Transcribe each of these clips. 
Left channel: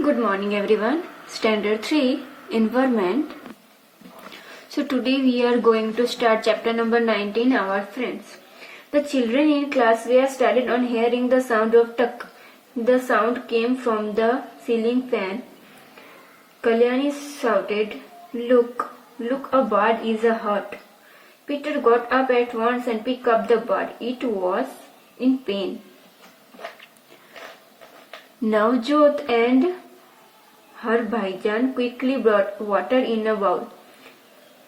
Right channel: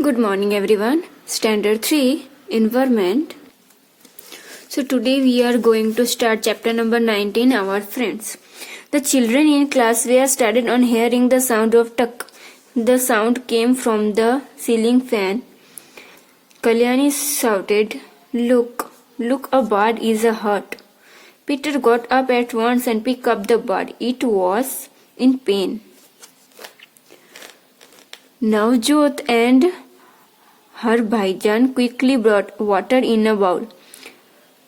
Good morning everyone. Standard 3 Environment. So today we are going to start chapter number 19, Our Friends. The children in class were started on hearing the sound of tuck. The sound came from the ceiling fan. Kalyani shouted, Look, a bird is a hurt. Peter got up at once and picked up the bird. It was in pain. Navjot and her bhaijan quickly brought water in a bowl.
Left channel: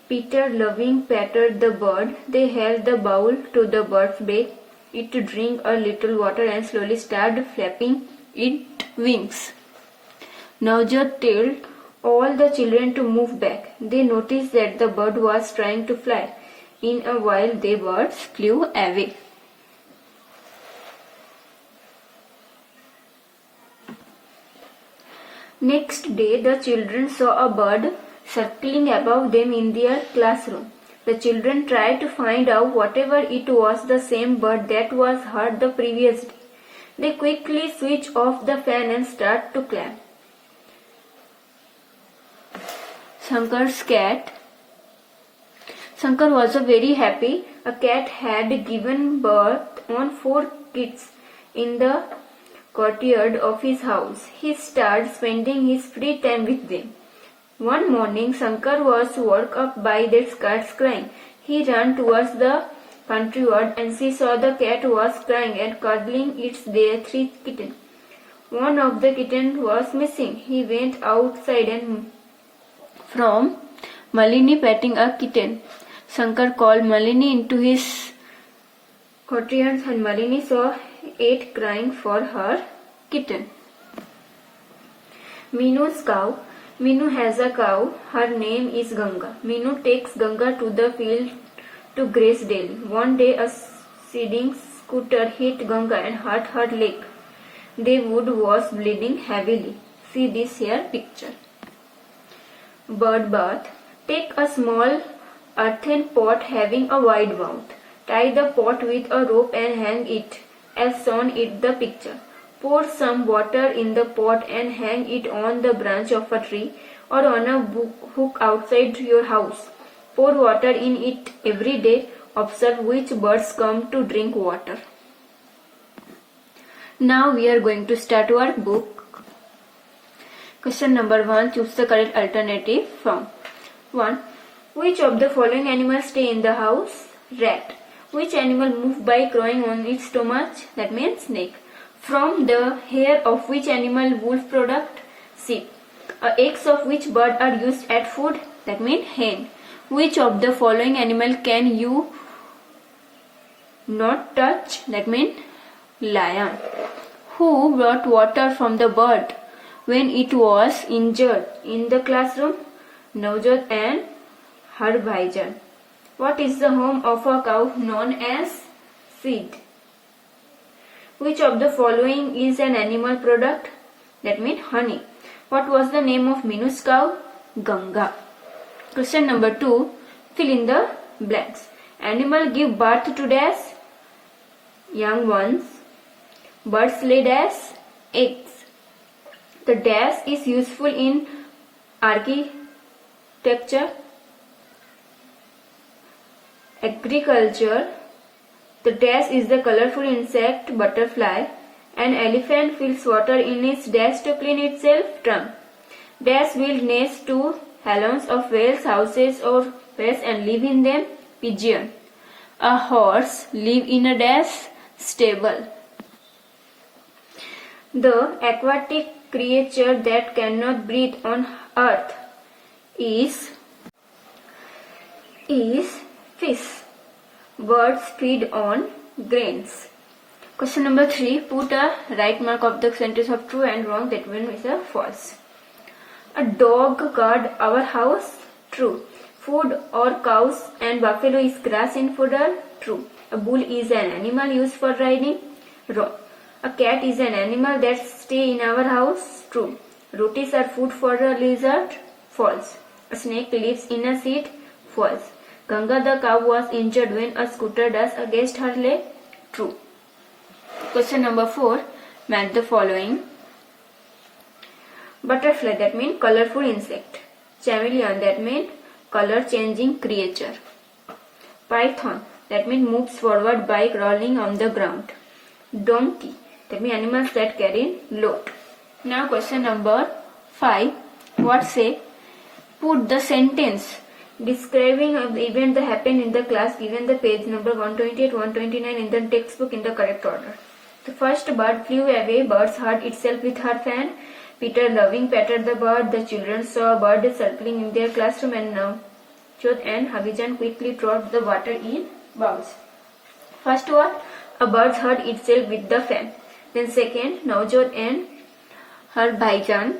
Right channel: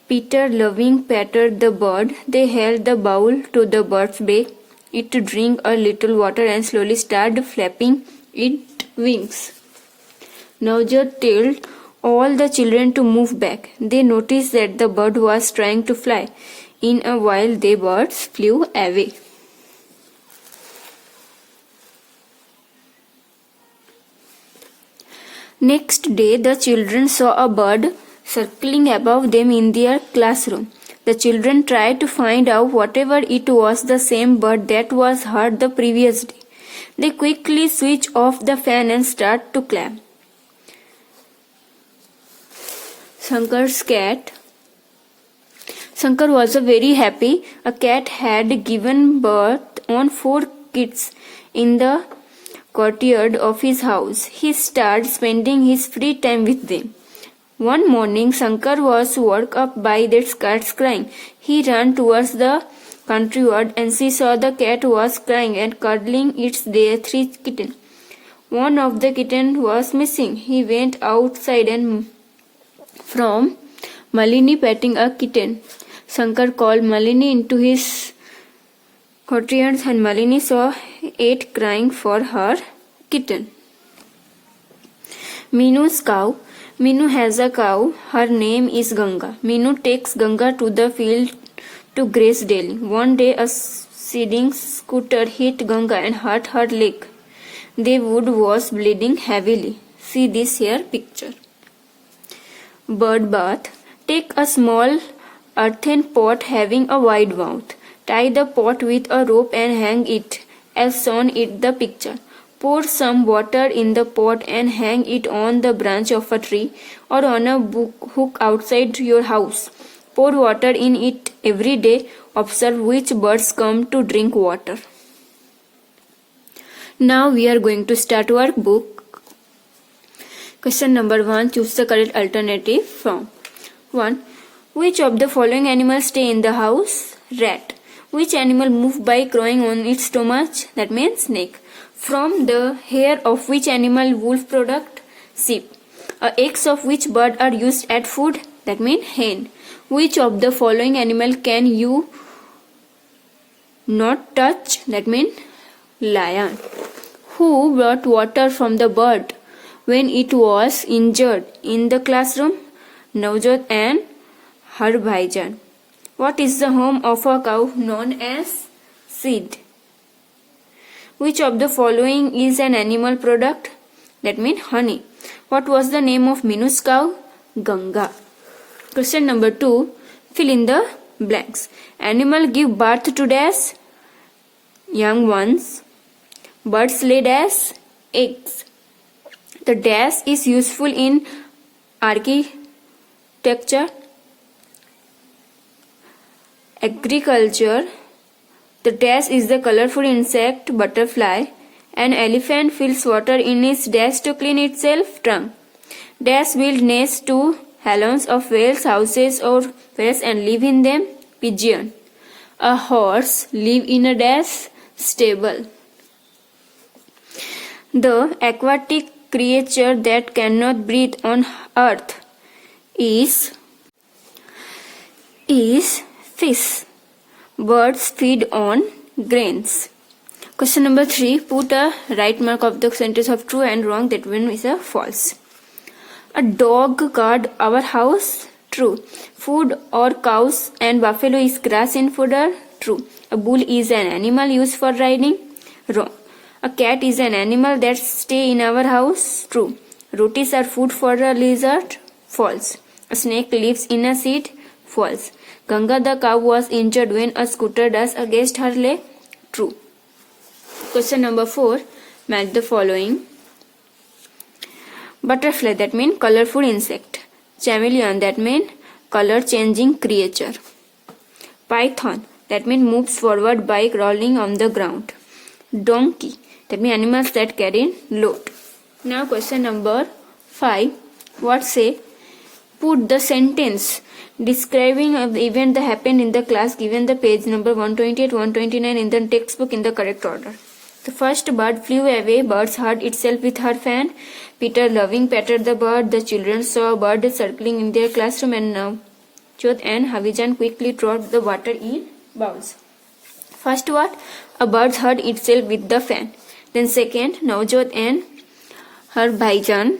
Peter loving patted the bird. They held the bowl to the bird's beak. It drank a little water and slowly started flapping its wings. Navjot told all the children to move back. They noticed that the bird was trying to fly. In a while, the birds flew away. Next day, the children saw a bird circling above them in their classroom. The children tried to find out whatever it was the same bird that was heard the previous day. They quickly switched off the fan and started to clap. Shankar's cat. Shankar was very happy. A cat had given birth on 4 kids in the courtyard of his house. He started spending his free time with them. One morning, Shankar was woke up by their cats crying. He ran towards the courtyard and she saw the cat was crying and cuddling their 3 kittens. One of the kittens was missing. He went outside and from Malini petting a kitten. Shankar called Malini into his courtyard and Malini saw it crying for her kitten. Minu's cow. Minu has a cow. Her name is Ganga. Minu takes Ganga to the field to graze daily. One day a seeding scooter hit Ganga and hurt her leg. The wood was bleeding heavily. See this here picture. Bird bath. Take a small earthen pot having a wide mouth. Tie the pot with a rope and hang it as shown in the picture. Pour some water in the pot and hang it on the branch of a tree or on a hook outside your house. Pour water in it every day. Observe which birds come to drink water. Now we are going to start our book. Question number 1. Choose the correct alternative from 1. Which of the following animals stay in the house? Rat. Which animal moves by crawling on its stomach? That means snake. From the hair of which animal wolf product? Sheep. Eggs of which bird are used as food? That means hen. Which of the following animal can you not touch? That means lion. Who brought water from the bird when it was injured in the classroom? Navjot and her bhaijan. What is the home of a cow known as seed? Which of the following is an animal product? That means honey. What was the name of Minu's cow? Ganga. Question number 2. Fill in the blanks. Animal give birth to dash? Young ones. Birds lay dash? Eggs. The dash is useful in architecture, agriculture. The dash is the colorful insect butterfly. An elephant fills water in its dash to clean itself trunk. Dash build nests to halons of whales, houses or wells and live in them. Pigeon. A horse live in a dash stable. The aquatic creature that cannot breathe on earth is fish. Birds feed on grains. Question number 3. Put a right mark of the sentence of true and wrong. That one is a false. A dog guard our house. True. Food or cows and buffalo is grass in fodder. True. A bull is an animal used for riding. Wrong. A cat is an animal that stay in our house. True. Rotis are food for a lizard. False. A snake lives in a seed. False. Ganga the cow was injured when a scooter dashed against her leg. True. Question number 4. Match the following. Butterfly, that means colorful insect. Chameleon, that means color changing creature. Python, that means moves forward by crawling on the ground. Donkey, that means animals that carry load. Now question number 5. What say? Put the sentence describing of the event that happened in the class given the page number 128, 129 in the textbook in the correct order. The first bird flew away. Bird hurt itself with her fan. Peter loving patted the bird. The children saw a bird circling in their classroom, and Navjot and Havijan quickly dropped the water in bowls. First what? A bird hurt itself with the fan. Then second, Navjot and her Bhaijan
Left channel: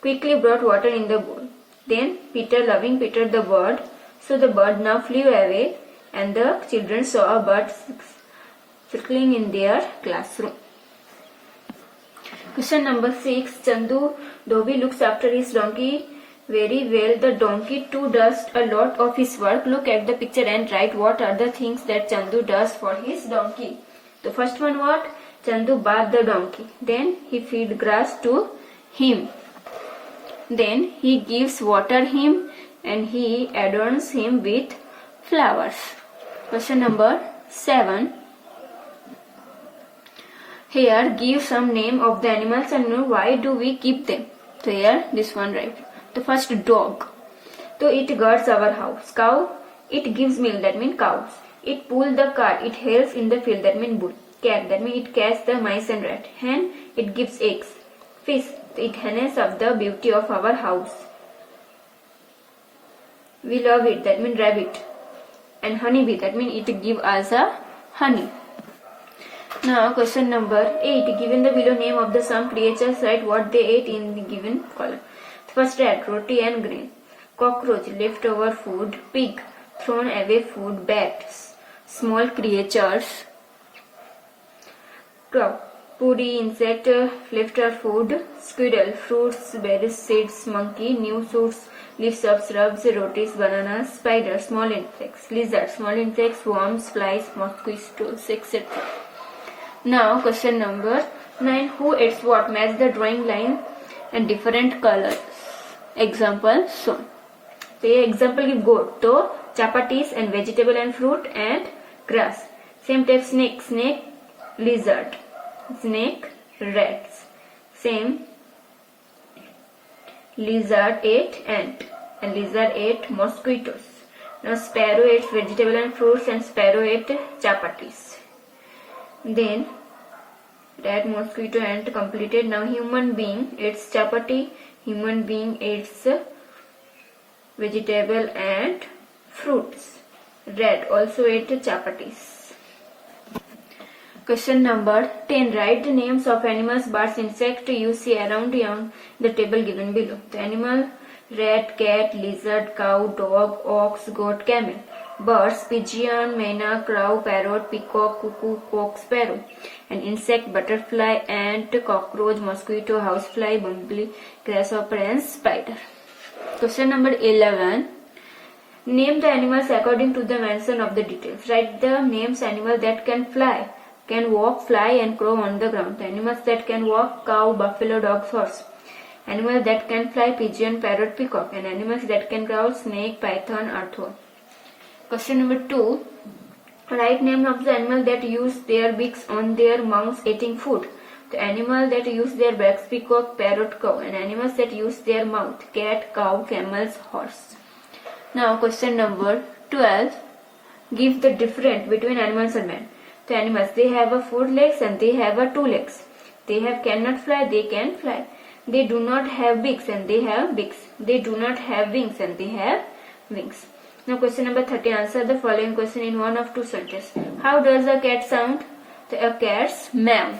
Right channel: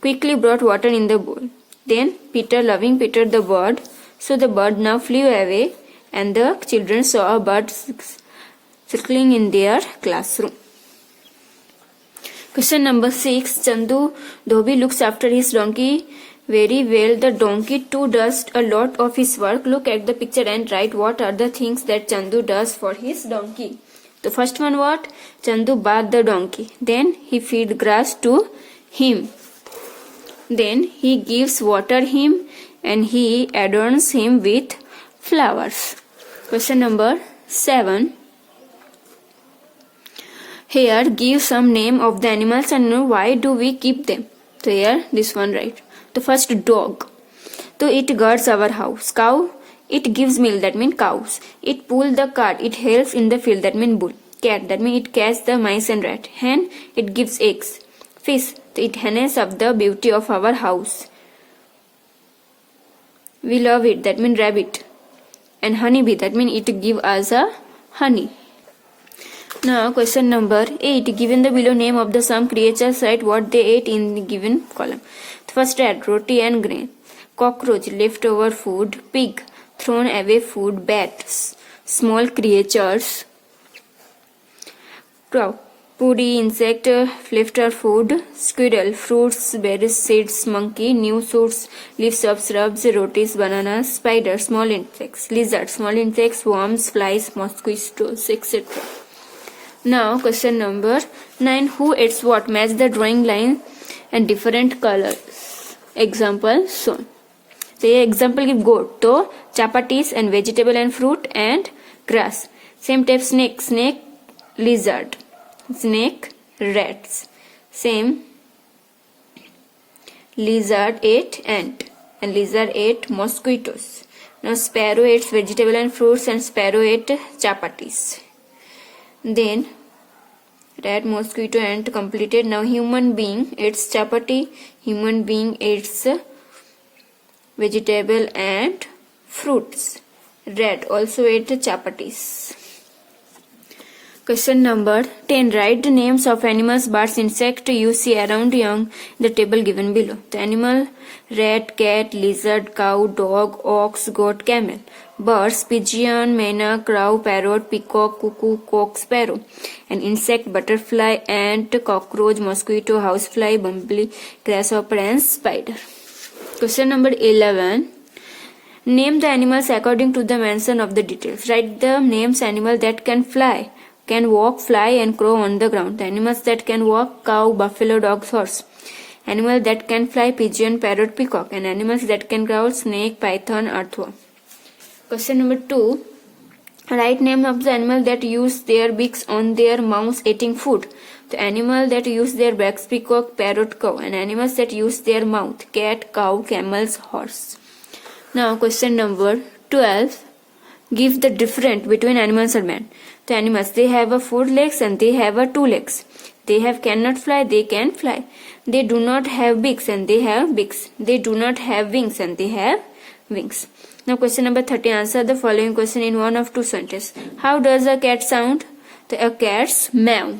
quickly brought water in the bowl. Then Peter loving patted the bird. So the bird now flew away, and the children saw a bird circling in their classroom. Question number 6. Chandu Dhobi looks after his donkey very well. The donkey too does a lot of his work. Look at the picture and write what are the things that Chandu does for his donkey. The first one what? Chandu bath the donkey. Then he feed grass to him. Then he gives water him and he adorns him with flowers. Question number 7. Here give some name of the animals and know why do we keep them. So here this one right. The first dog. So it guards our house. Cow, it gives milk, that means cows. It pulls the cart, it helps in the field, that means bull. Cat, that means it catches the mice and rat. Hen, it gives eggs. Fish, it enhances up the beauty of our house. We love it, that means rabbit. And honeybee, that means it gives us a honey. Now question number 8. Given the below name of the some creatures, write what they ate in the given column. First rat, roti and grain. Cockroach, leftover food. Pig, thrown away food. Bat, small creatures. Crow, puri, insect, leftover food. Squirrel, fruits, berries, seeds. Monkey, new shoots, leaves of shrubs, rotis, bananas. Spider, small insects. Lizard, small insects, worms, flies, mosquitoes, etc. Now question number 9. Who eats what? Match the drawing line and different colors. Example shown. Say example give goat. So chapatis and vegetable and fruit and grass. Same type snake. Snake, lizard. Snake, rats. Same lizard ate ant and lizard ate mosquitoes. Now sparrow ate vegetable and fruits and sparrow ate chapatis. Then rat, mosquito, ant completed. Now human being eats chapati, human being eats vegetable and fruits. Rat also ate chapatis. Question number 10. Write the names of animals, birds, insect you see around you in the table given below. The animal: rat, cat, lizard, cow, dog, ox, goat, camel. Birds: pigeon, myna, crow, parrot, peacock, cuckoo, cock, sparrow. An insect: butterfly, ant, cockroach, mosquito, housefly, bumblebee, grasshopper and spider. Question number 11. Name the animals according to the mention of the details. Write the names animal that can fly, can walk, fly and crow on the ground. The animals that can walk: cow, buffalo, dog, horse. Animal that can fly: pigeon, parrot, peacock. And animals that can crawl: snake, python, earthworm. Question number 2. Write name of the animal that use their beaks on their mouths eating food. The animal that use their beaks: peacock, parrot, cow. And animals that use their mouth: cat, cow, camels, horse. Now question number 12. Give the difference between animals and man. The animals, they have a 4 legs and they have a 2 legs. They have cannot fly, they can fly. They do not have beaks and they have beaks. They do not have wings and they have wings. Now question number 30. Answer the following question in one of two sentences. How does a cat sound? A cat's meow.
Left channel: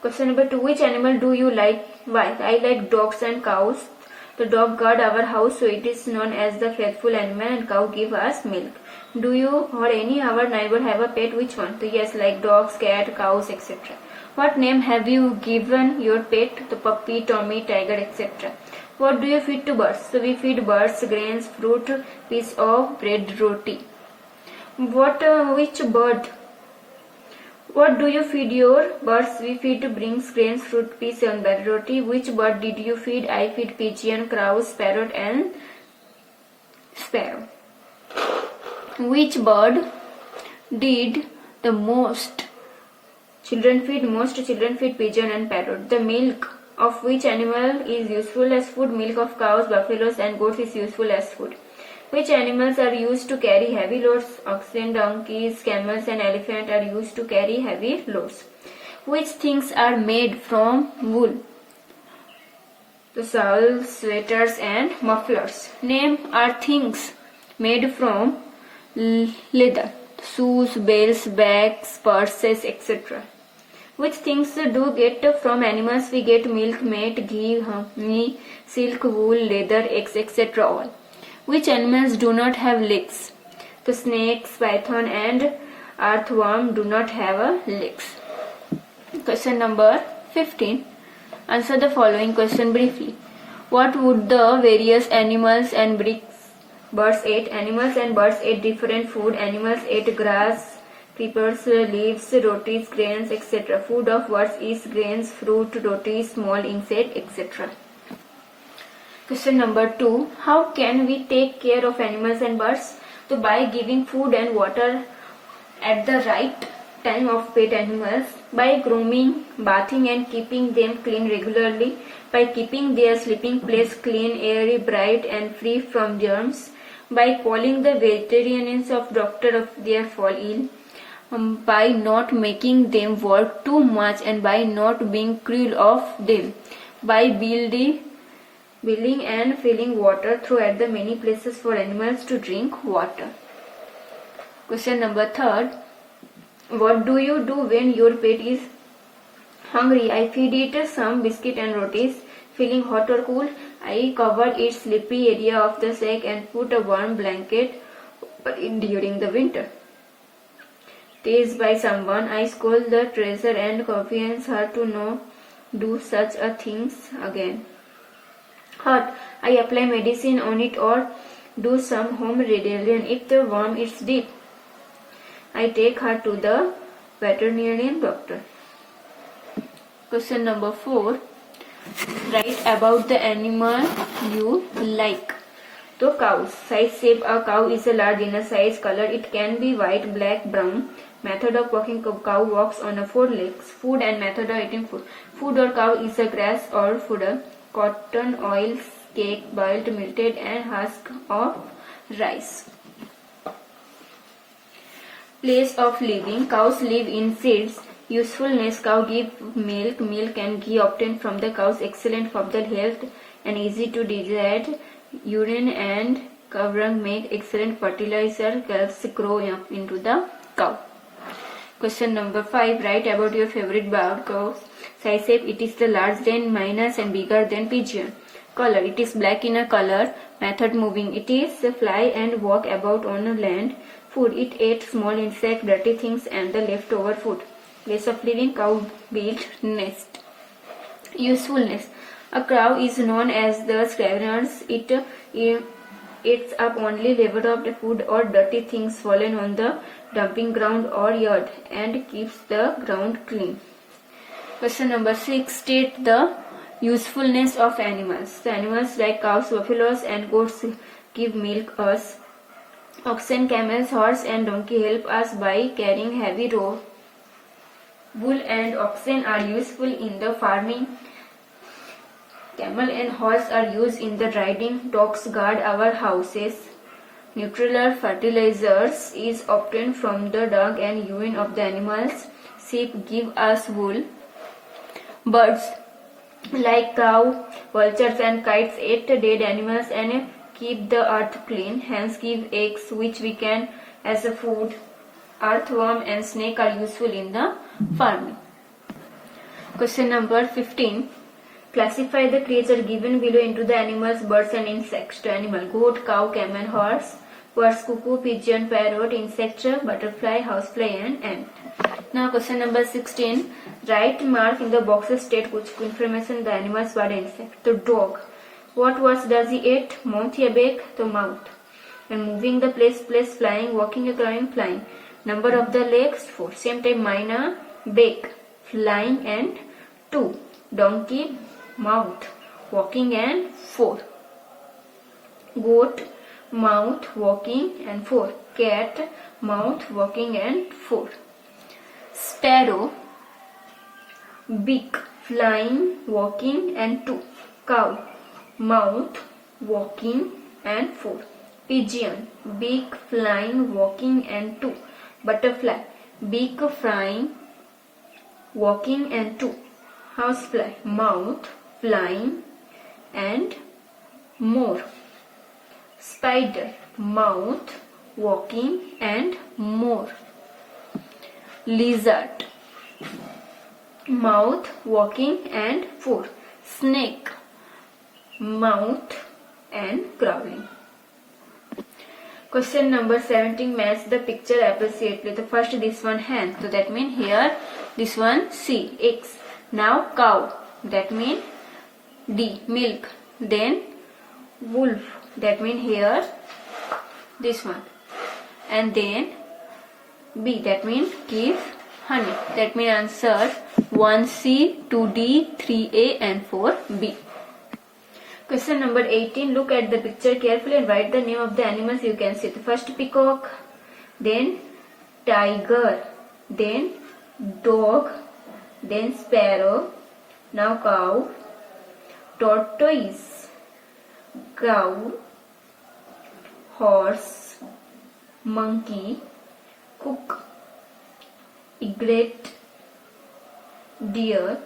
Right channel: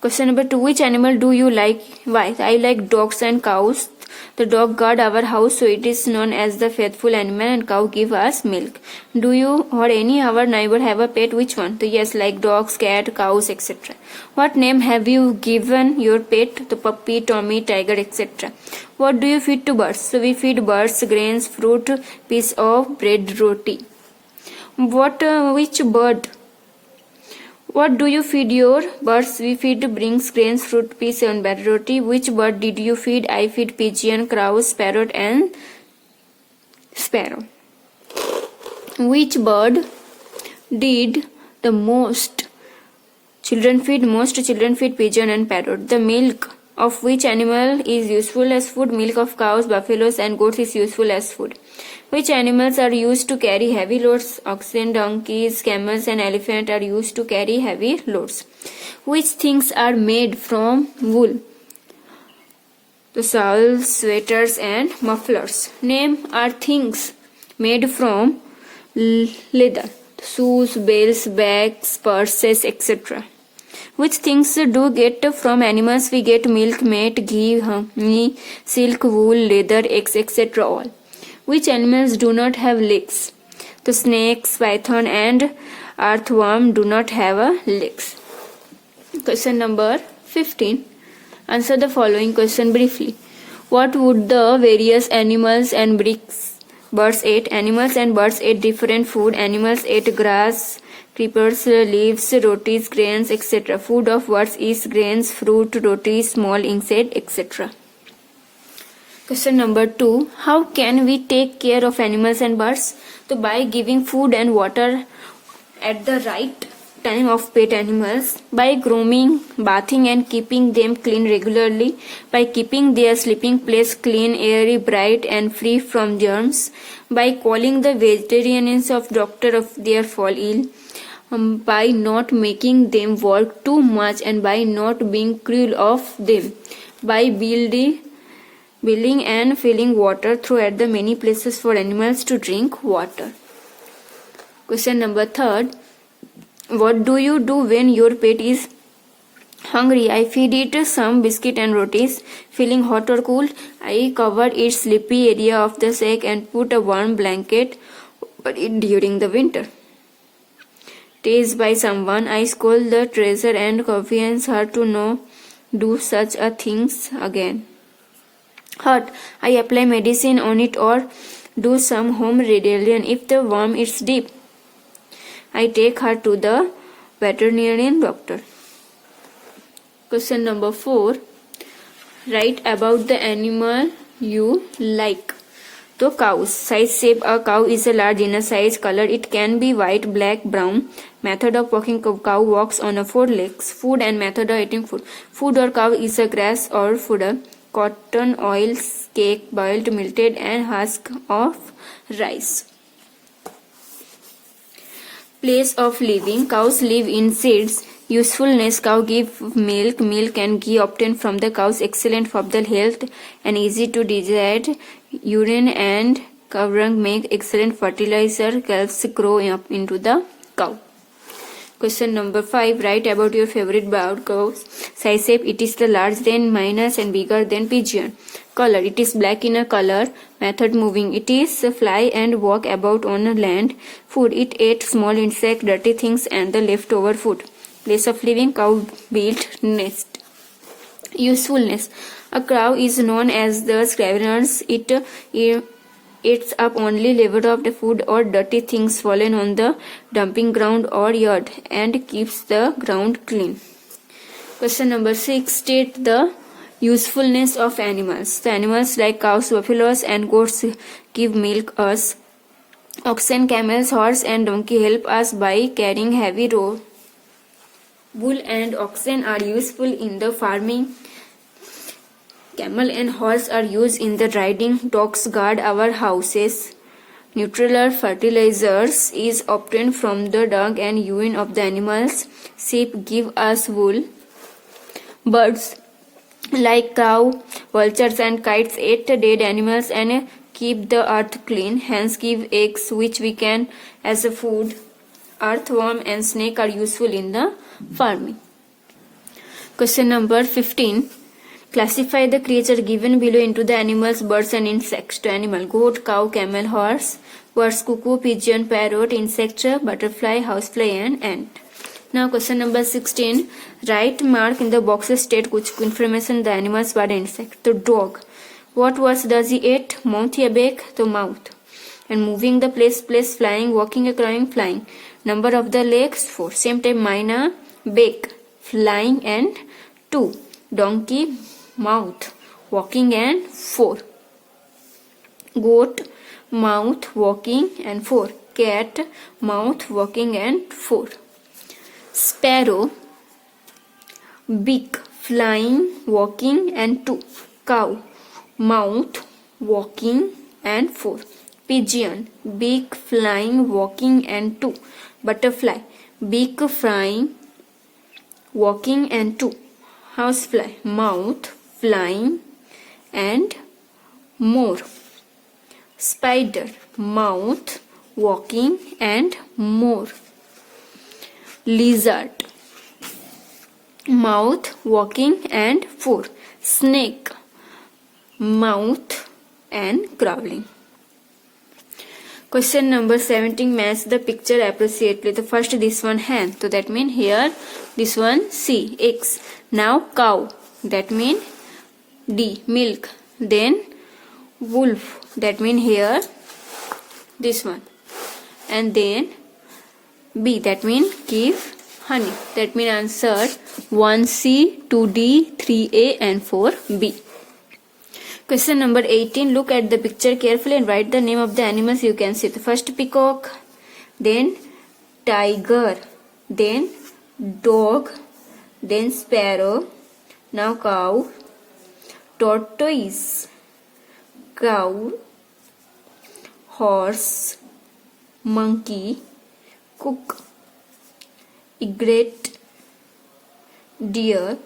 Question number 2. Which animal do you like? Why? I like dogs and cows. The dog guard our house, so it is known as the faithful animal, and cow give us milk. Do you or any our neighbor have a pet? Which one? So yes, like dogs, cat, cows, etc. What name have you given your pet? The puppy, Tommy, tiger, etc. What do you feed to birds? So we feed birds grains, fruit, piece of bread, roti. Which bird What do you feed your birds? We feed brings grains, fruit, peas, and bread, roti. Which bird did you feed? I feed pigeon, crows, parrot, and sparrow. Which bird did the most children feed? Most children feed pigeon and parrot. The milk of which animal is useful as food? Milk of cows, buffaloes, and goats is useful as food. Which animals are used to carry heavy loads? Oxen, donkeys, camels, and elephant are used to carry heavy loads. Which things are made from wool? The shawls, sweaters, and mufflers. Name are things made from leather. Shoes, belts, bags, purses, etc. Which things do get from animals? We get milk, meat, ghee, honey, silk, wool, leather, eggs, etc. all. Which animals do not have legs? The snakes, python, and earthworm do not have legs. Question number 15. Answer the following question briefly. What would the various animals and birds ate? Animals and birds ate different food. Animals ate grass, creepers, leaves, rotis, grains, etc. Food of birds is grains, fruit, roti, small insect, etc. Question number 2. How can we take care of animals and birds? So by giving food and water at the right time of pet animals, by grooming, bathing and keeping them clean regularly, by keeping their sleeping place clean, airy, bright and free from germs, by calling the veterinarians of doctor if they fall ill, by not making them work too much and by not being cruel of them, by building and filling water through at the many places for animals to drink water. Question number 3. What do you do when your pet is hungry? I feed it some biscuit and rotis. Feeling hot or cold, I cover its sleepy area of the sack and put a warm blanket over it during the winter. Teased by someone, I scold the treasure and convince her to not do such a things again. Hurt, I apply medicine on it or do some home rebellion. If the worm is deep, I take her to the veterinarian doctor. Question number 4. Write about the animal you like. So cows. Size, shape. A cow is a large in a size. Color, it can be white, black, brown. Method of walking. Cow walks on 4 legs. Food and method of eating food. Food or cow is a grass or fodder. Cotton, oil, cake, boiled, melted and husk of rice. Place of living. Cows live in sheds. Usefulness. Cow give milk. Milk and ghee obtained from the cows excellent for the health and easy to digest. Urine and cow dung make excellent fertilizer. Calves grow up into the cow. Question number 5. Write about your favorite bird. Cows. Size, shape. It is the large than minus and bigger than pigeon. Color. It is black in a color. Method moving. It is fly and walk about on land. Food. It ate small insect, dirty things and the leftover food. Place of living. Cow built nest. Usefulness. A crow is known as the scavengers. It eats up only leftover food or dirty things fallen on the dumping ground or yard and keeps the ground clean. Question number 6. State the usefulness of animals. The animals like cows, buffaloes and goats give milk us. Oxen, camels, horse and donkey help us by carrying heavy wool. Bull and oxen are useful in the farming. Camel and horse are used in the riding. Dogs guard our houses. Nutritional fertilizers is obtained from the dung and urine of the animals. Sheep give us wool. Birds like crow, vultures and kites eat dead animals and keep the earth clean. Hens give eggs which we can as a food. Earthworm and snake are useful in the farming. Question number 15. Classify the creature given below into the animals, birds and insects. To animal: goat, cow, camel, horse. Birds: cuckoo, pigeon, parrot. Insect: butterfly, housefly and ant. Now question number 16. Write mark in the boxes state which information the animals, bird and insect. The dog. What words does he eat? Mouth या back? तो mouth. And moving the place, flying, walking, crying, flying. Number of the legs 4. Same time Maina beak, flying, and 2. Donkey, mouth, walking, and 4. Goat, mouth, walking, and 4. Cat, mouth, walking, and 4. Sparrow, beak, flying, walking, and 2. Cow, mouth, walking, and 4. Pigeon, beak, flying, walking, and 2. Butterfly, beak, flying, walking, and 2. Housefly, mouth, flying, and more. Spider, mouth, walking, and more. Lizard, mouth, walking, and 4. Snake, mouth, and crawling. Question number 17, match the picture appropriately. So first this one hand, so that means here this one C, X. Now cow, that means D, milk. Then wolf, that means here this one. And then B, that means give honey. That means answer 1C, 2D, 3A, and 4B. Question number 18. Look at the picture carefully and write the name of the animals you can see. The first peacock, then tiger, then dog, then sparrow, now cow, tortoise, cow, horse, monkey, cook, egret, deer,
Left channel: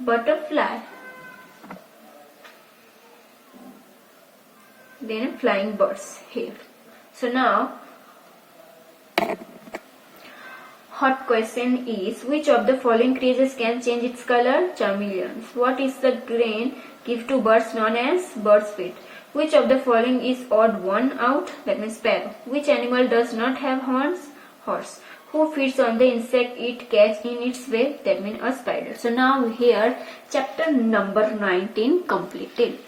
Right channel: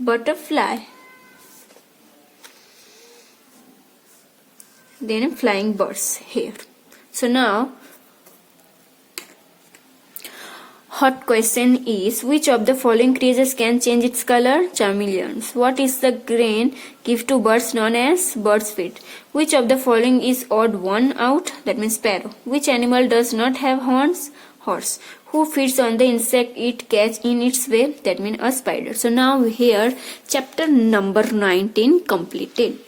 butterfly, then flying birds here. So now hot question is, which of the following creatures can change its color? Chameleons. What is the grain give to birds known as bird's feet? Which of the following is odd one out? That means sparrow. Which animal does not have horns? Horse. Who feeds on the insect it catch in its web? That means a spider. So now here chapter number 19 completed.